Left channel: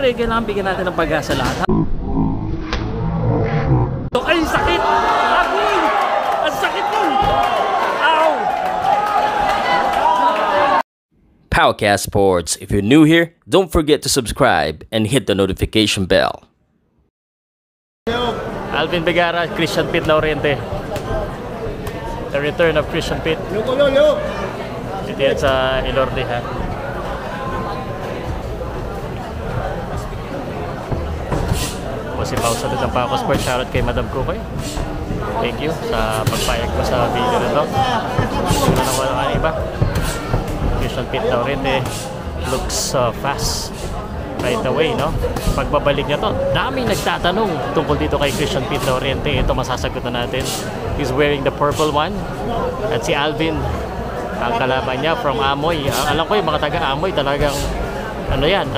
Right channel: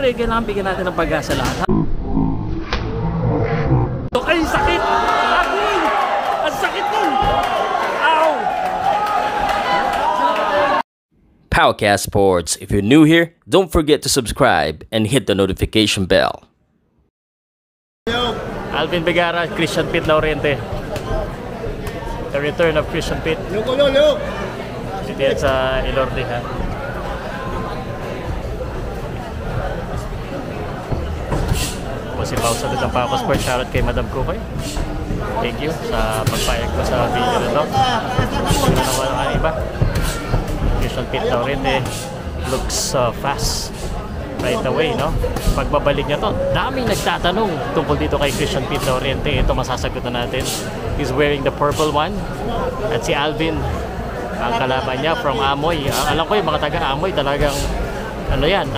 Pre, kailangan bigyan natin ng pag-asa lahat. Ay, sakit! Agoy! Ang sakit nun! Ow! Powercast Sports. If you're new here, don't forget to subscribe and hit the notification bell. Alvin Vergara, Christian Pete Laurente. The return of Christian Pete. Ito yan sa Ilorde, ha? Po si Pao sa Tutang Paco Sports. Shoutout kay Madam Kukoy. Thank you sa pagpayag ko sa video na to. Tingnan ako ng iba. Christian Pete Laurente looks fast right away, no? Pagbabalik niya to, daming nagtatanong tungkol dito kay Christian Pete Laurente. Ito masasagot na natin. He's wearing the purple one. At si Alvin, ang kalaban niya from Amoy. Alam ko yung mga taga Amoy talagang ano yan,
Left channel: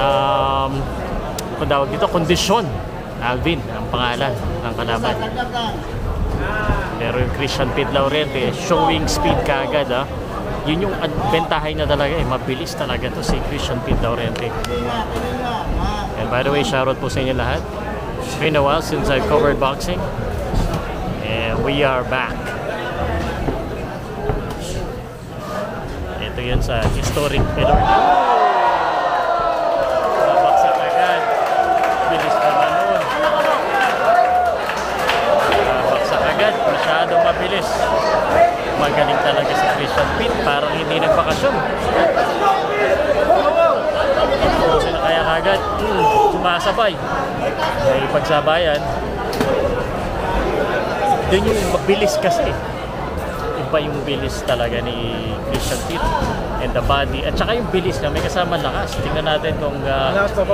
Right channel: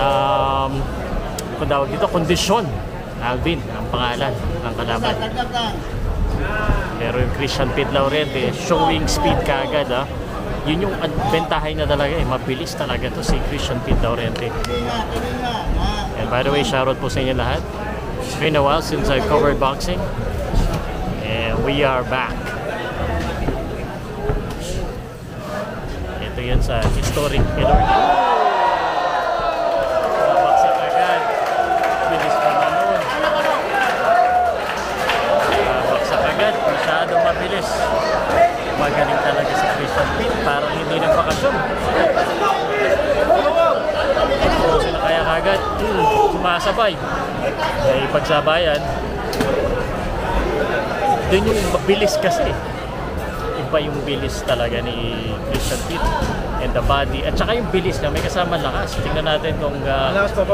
kung tawag dito, kondisyon. Alvin ang pangalan ng kalaban. Pero yung Christian Pete Laurente showing speed kaagad, ha? Yun yung bentahay na talaga, mabilis talaga to si Christian Pete Laurente. And by the way, shoutout po sa inyo lahat. It's been a while since I've covered boxing, and we are back. Ito yun sa historic Ilorde. Babaksak agad. Bilis pa na nun. Babaksak agad. Masyadong mabilis. Magaling talaga si Christian Pete. Parang hindi nagbakasyon. Kasi na kaya kagad. Sumasabay. May pagsabayan. Doon yung mabilis kasi. Iba yung bilis talaga ni Christian Pete and the body. At saka yung bilis na may kasama lakas. Tingnan natin kung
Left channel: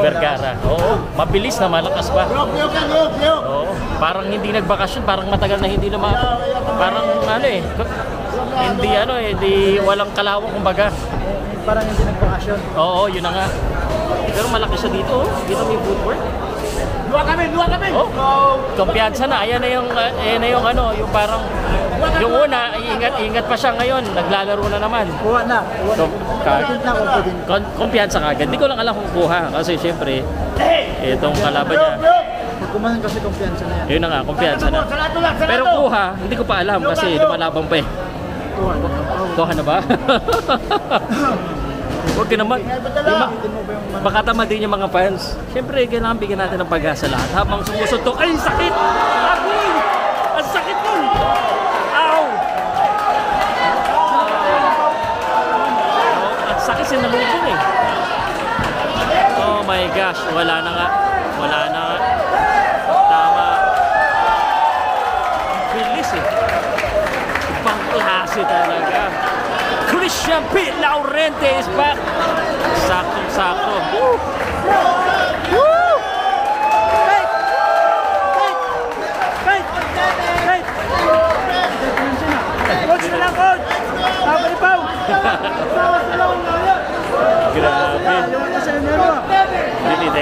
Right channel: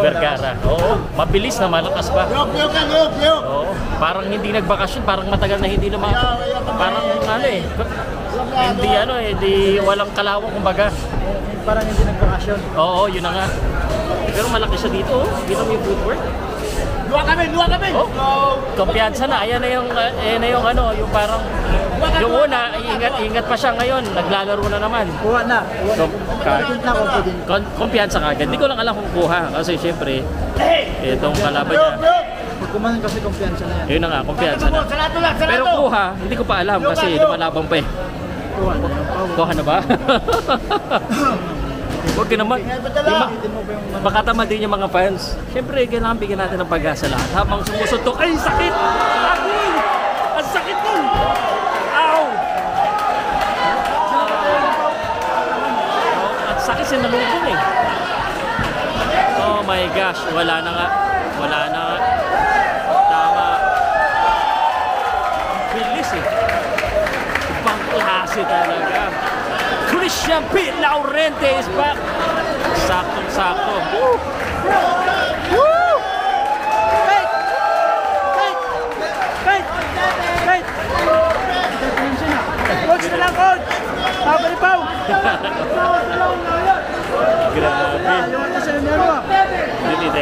Vergara. Oo, mabilis na malakas pa. Oo, parang hindi nagbakasyon. Parang matagal na hindi naman. Parang ano eh. Hindi walang kalawang kumbaga. Parang hindi nagbakasyon. Oo, yun na nga. Pero malaki siya dito, oh. Dito may footwork. Luwa kami! Oh, kumpiyansa na. Ayan na yung ano, yung parang yung una, ingat pa siya ngayon. Naglalaro na naman. Kuha na. Kumpiyansa ka agad. Hindi ko lang alam kung kuha. Kasi syempre, itong kalaban niya. Pag kumanan kasi kumpiyansa na yan. Yun na nga, kumpiyansa na. Pero kuha, hindi ko pa alam kasi lumalaban pa eh. Kuha na ba? Huwag ka naman. Makatamad din yung mga fans. Siyempre, kailangan bigyan natin ng pag-asa lahat. Habang sumusuntok, ay sakit! Agoy! Ang sakit nun! Ow! Ang sakit sinalubong eh. Oh my gosh, wala na nga. Tama. Ang bilis eh. Ibang klase talaga. Christian Pete Laurente is back. Saktong-sakto. Woo! Woo! Fight! Coach na lang, coach! Pabalipaw! Grabe. Dito.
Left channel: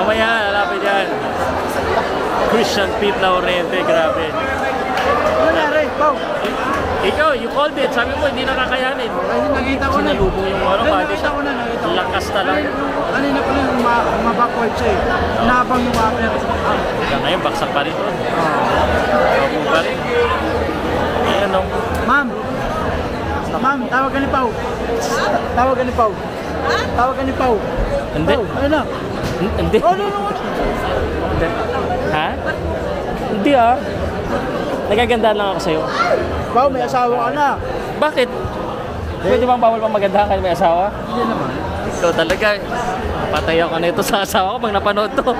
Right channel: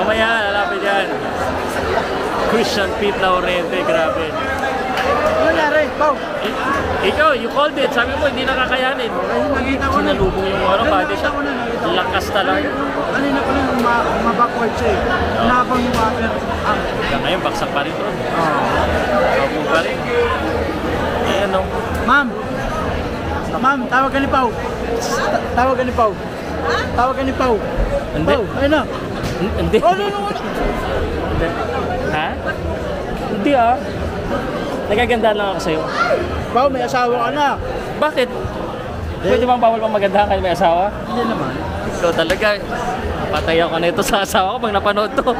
Mamaya, lalapit yan. Christian Pete Laurente, grabe. Ano nangyari? Pau! Ikaw, you called it. Sabi mo, hindi nakakayanin. Nakita ko na. Sinalubong yung body siya. Lakas talaga. Kanina ko na mabackward siya eh. Nabang yung upper. Hanggang ngayon, baksak pa rin doon. Opo pa rin. Eh ano? Ma'am, tawag ka ni Pau. Hindi. Ayun na. Hindi. Ha? Hindi ah. Nagagandaan lang ako sa'yo. Pau, may asawa ka na. Bakit? Pwede bang bawal pang magandahan kayo may asawa? Hindi naman. Ikaw talaga. Patay ako na ito sa asawa ko pag napanood to.